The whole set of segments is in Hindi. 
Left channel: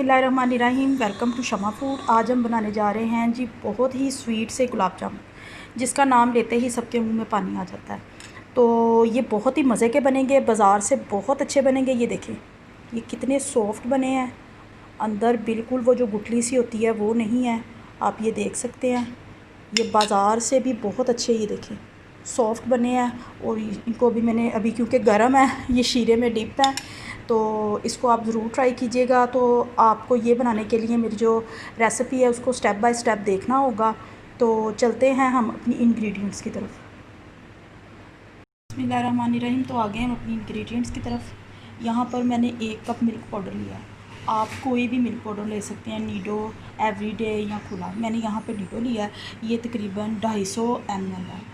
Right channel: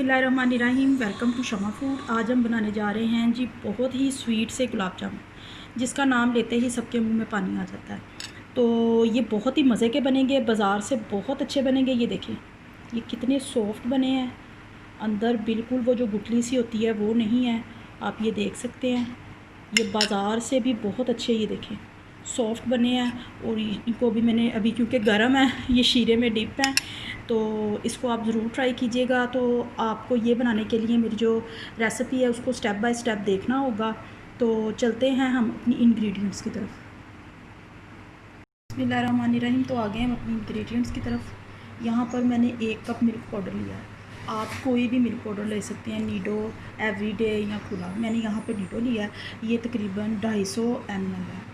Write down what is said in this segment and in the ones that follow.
बिस्मिल्लाहिर्रहमानिर्रहीम। Welcome to Shama food. आज हम बनाने जा रहे हैं जी बहुत ही स्वीट से गुलाब जामुन, जिसका नाम लेते ही सबके मुंह में पानी आ जाता है। तो ये बहुत ही मज़े के बनेंगे, बाज़ार से बहुत अच्छे बनेंगे। ये देखें ये कितने सॉफ्ट बने हैं, अंदर बिल्कुल वो जो गुठली सी होती है वो नहीं है, आप ये देख सकते हैं। ये बाज़ार से भी बहुत अच्छे, ये देखें सॉफ्ट बने हैं। और इनको अभी मैंने क्योंकि गर्म है, ये शीरे में डिप है, तो इसको आप ज़रूर ट्राई कीजिएगा। तो आपको ये बनाने के लिए मेरी जो रेसिपी है उसको स्टेप बाय स्टेप देखना होगा। तो चलते हैं हम अपनी इंग्रेडिएंट्स की तरफ। बिस्मिल्लाहिर्रहमानिर्रहीम। तो आ गए हम अपनी इंग्रेडिएंट्स की तरफ। यहाँ पर मैंने 1 कप मिल्क पाउडर लिया है। आप कोई भी मिल्क पाउडर ले सकते हैं, नीडो, एवरीडे या खुला। मैंने यहाँ पर नीडो लिया है। ये तकरीबन 250 ml है।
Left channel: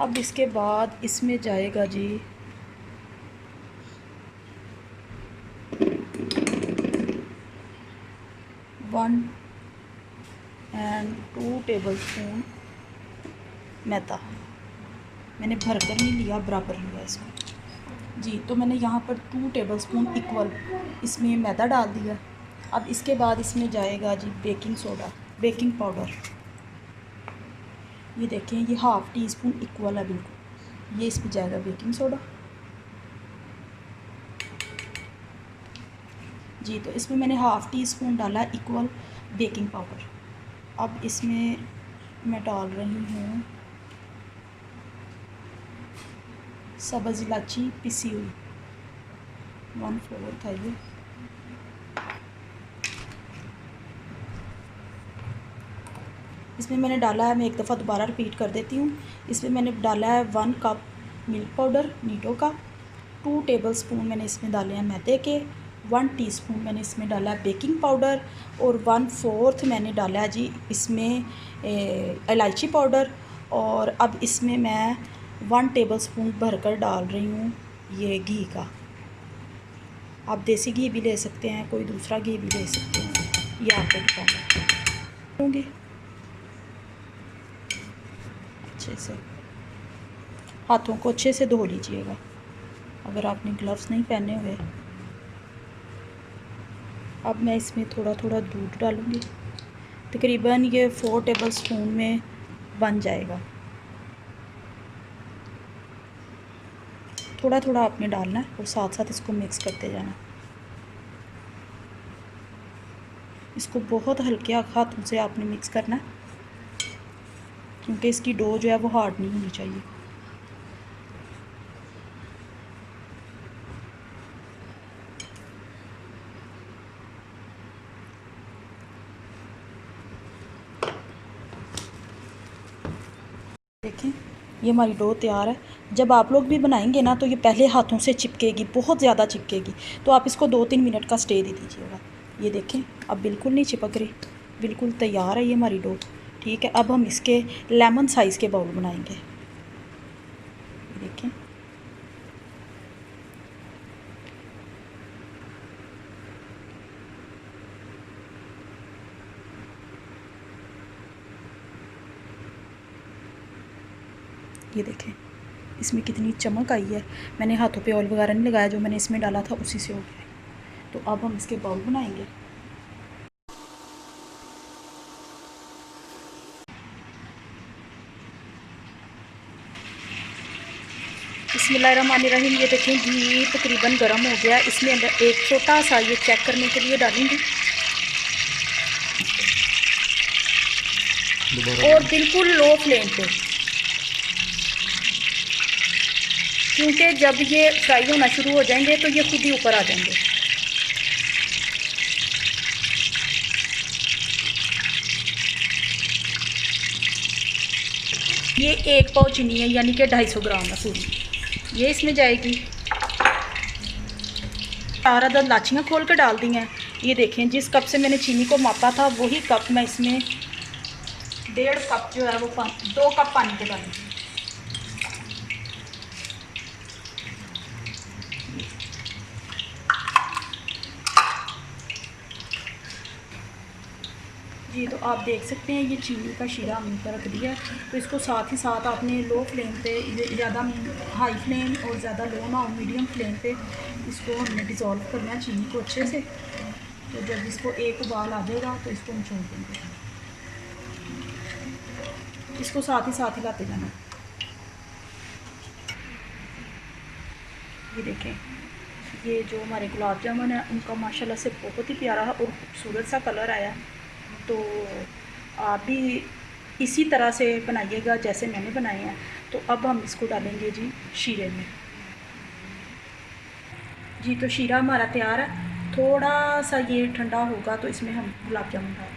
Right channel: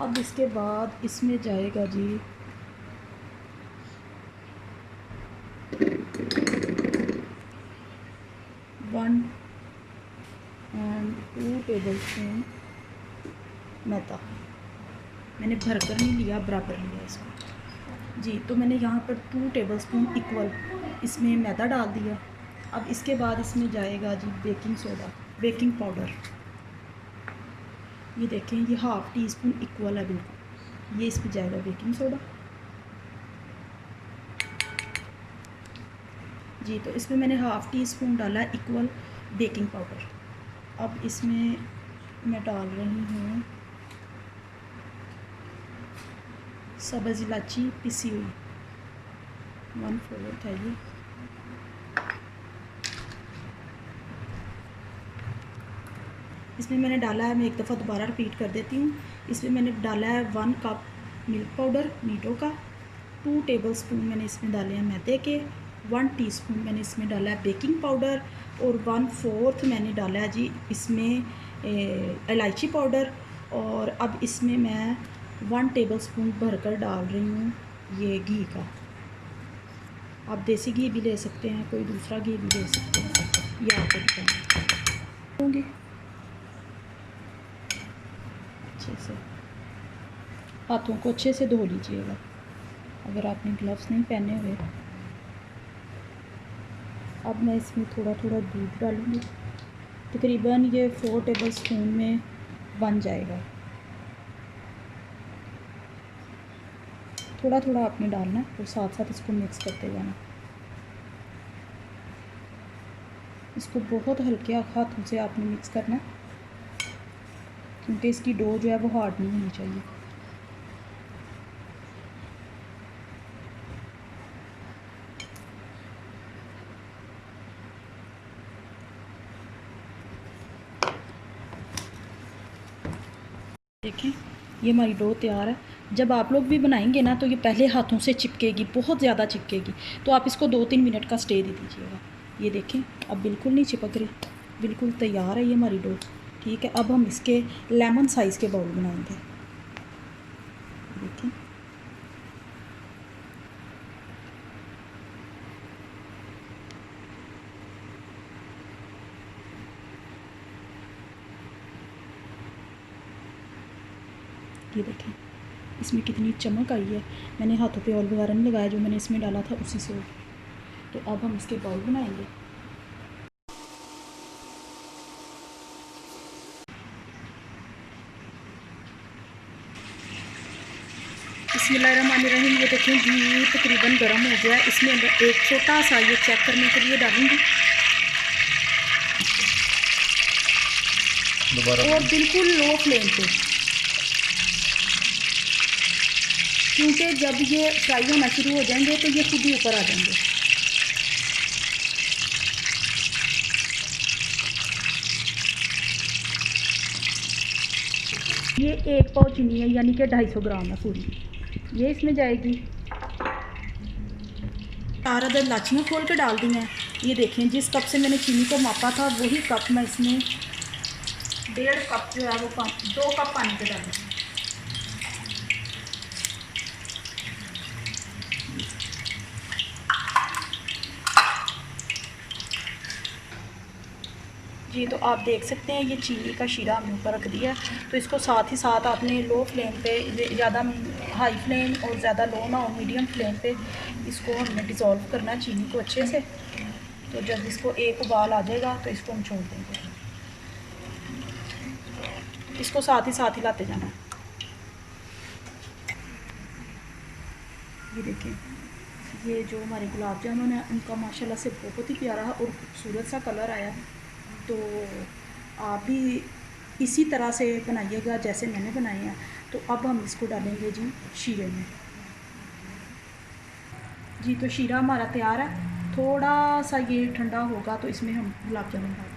अब इसके बाद इसमें जाएगा जी 1 और 2 टेबल स्पून मैदा। मैंने भरकर नहीं लिया, बराबर लिया इसको जी। तो मैंने यहाँ पर 2 टेबल स्पून इक्वल इसमें मैदा डाल दिया। अब इसके बाद इसमें जाएगा जी बेकिंग सोडा, बेकिंग पाउडर। ये देखें ये 1/2 टी स्पून इक्वल है बिल्कुल। ये इसमें जाएगा बेकिंग सोडा जी। तो इसमें मैंने 1/2 टी स्पून डाला इक्वल बेकिंग पाउडर। अब इसमें मैं डाल रही हूँ सब्ज़ इलायची पिसी हुई, 1/4 है ये। इसमें मैंने डाला है, मैं एक दफ़ा दोबारा रिपीट कर देती हूँ। इसमें मैंने डाला है 1 कप मिल्क पाउडर नीडो का, 2 टेबल स्पून मैंने इसमें डाले हैं मैदे के, 1 टीस्पून मैंने इसमें डाला है बेकिंग पाउडर, और 1/4 मैंने डाला है जी इसमें इलायची पाउडर। और अब इसमें मैं 1 टेबल स्पून भरकर डाल रही हूँ ये घी का। आप देसी घी भी ले सकते हैं, कोई दूसरा घी भी ले सकते हैं, ये आपको बताऊँगी। अच्छे से हाथों को अच्छे से धो लीजिएगा अगर आपने ग्लव्स नहीं पहने हुए। अब मैं इसमें थोड़ा थोड़ा दूध डालूँगी, तकरीबन ये 4 टेबल स्पून में बन जाएगा। थोड़ा थोड़ा आपने डालना है और साथ साथ इसको मिक्स करते जाना। इसको बहुत हल्के हाथों से आपने मिक्स करना है, क्योंकि इसकी डो जो है वो हार्ड नहीं होनी चाहिए। देखिए ये हमारी डो तैयार है। जब आप लोग भी बनाएंगे ना तो ये पहले हाथों से चिपकेगी, बहुत ज़्यादा चिपकेगी, तो आप इसको 2-3 मिनट का स्टे दे दीजिएगा। ये देखें अब बिल्कुल नहीं चिपक रही, बिल्कुल तैयार है ये हमारी डो। ठीक है, अब हम इसके लेमन साइज़ के बाउल बनाएंगे। देखें ये देखें इसमें कितनी चमक आई है। मैंने हाथों पे ऑयल वगैरह नहीं लगाया, जो मैंने इसमें डाला था उसी से हो गया। तो अब हम इसके बाउल बनाएंगे। बिस्मिल्लाहिर्रहमानिर्रहीम। ये देखें घी तकरीबन गर्म हो गया। इसमें अंदर एक छोटा सा ये चेक करने के लिए डालूंगी, और बिल्कुल लो फ्लेम पे, क्योंकि जब ये फ्राई होना शुरू हो जाएंगे तो ये खुद ही ऊपर आ जाएंगे। ये 1 पाव चीनी है, यानी कि 250 ग्राम है पूरी, ये इसमें जाएगी। 4 अदद लाचियाँ खोल के डाल दी हैं। ये देखें जिस कप से मैंने चीनी को मापा था वही कप मैं इसमें 1.5 कप जो है वो 2 कप पानी के डालूँगी। जी, तो आप देख सकते हैं ये चीनी का शीरा हमने ऊपर रख दिया। तो इसको साथ ही साथ आपने लो फ्लेम पे, ज़्यादा हाई फ्लेम और ज़्यादा लो ना हो, मीडियम फ्लेम पे इसको हमने डिज़ोल्व करना है चीनी को अच्छे से। तो जब इसको एक उबाल आ जाएगा तो इसको हम छोड़ देंगे। इसको साथ ही हिलाते जाना। ये देखें, ये जो हमारे गुलाब जामुन है उनका माशाल्लाह से बहुत ही प्यारा और खूबसूरत सा कलर आया। तो आप भी इसी तरह से बनाइएगा जैसे मैंने बनाए हैं। तो अब हम इसको डालेंगे जी शीरे में। जी, तो शीरा हमारा तैयार है। थोड़ा सा ये ठंडा होगा तो इसमें हम गुलाब जामुन डालेंगे।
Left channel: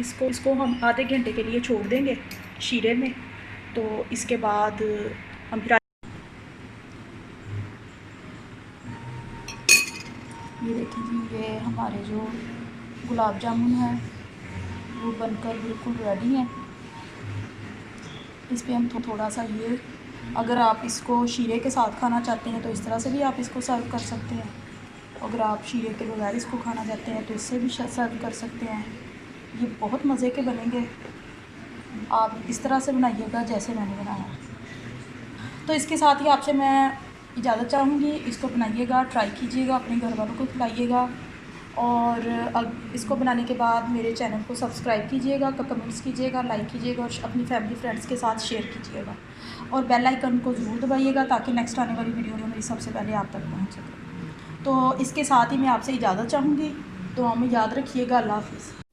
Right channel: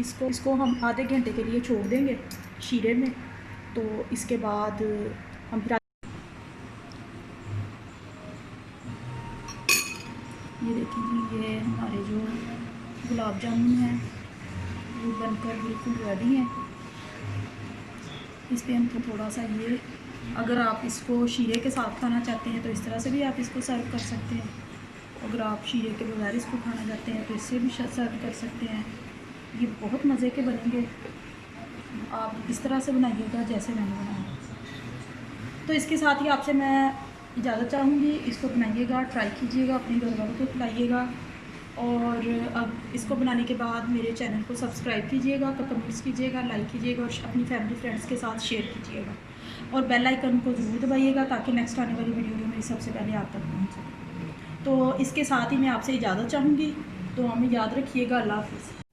इसको हम आधे घंटे के लिए छोड़ देंगे शीरे में। तो इसके बाद हम फिर ये देखिए जी, ये हमारे जो गुलाब जामुन है वो बनकर बिल्कुल रेडी हैं। इस पे हम थोड़ा सा ये, अगर आप इसको शीरे के साथ खाना चाहते हैं तो इस तरह से भी आप इसको सर्व कर सकते हैं। अगर आप शीरे के बगैर इसको खाना चाहते हैं तो इससे भी सर्व कर सकते हैं। ये बहुत मज़े के बनेंगे। आप इस तरह से बनाइएगा जैसे मैंने बनाया। तो इसके साथ ही आपसे मैं इजाज़त चाहूँगी। इसको बनाइएगा, ट्राई कीजिएगा, अपने घर वालों को खिलाइएगा। और अब इसको बनाने के बाद मेरे चैनल को सब्सक्राइब कीजिएगा, कमेंट्स कीजिएगा, लाइक कीजिएगा और अपनी फैमिली फ्रेंड्स के साथ शेयर कीजिएगा। और बेल आइकन को ज़रूर दबाइएगा ताकि नेक्स्ट आने वाली वीडियो मेरी सबसे पहले आप तक पहुँच सके। तो इसके साथ ही मैं आपसे इजाज़त चाहूँगी। तो हमें याद रखिएगा। अल्लाह हाफ़िज़।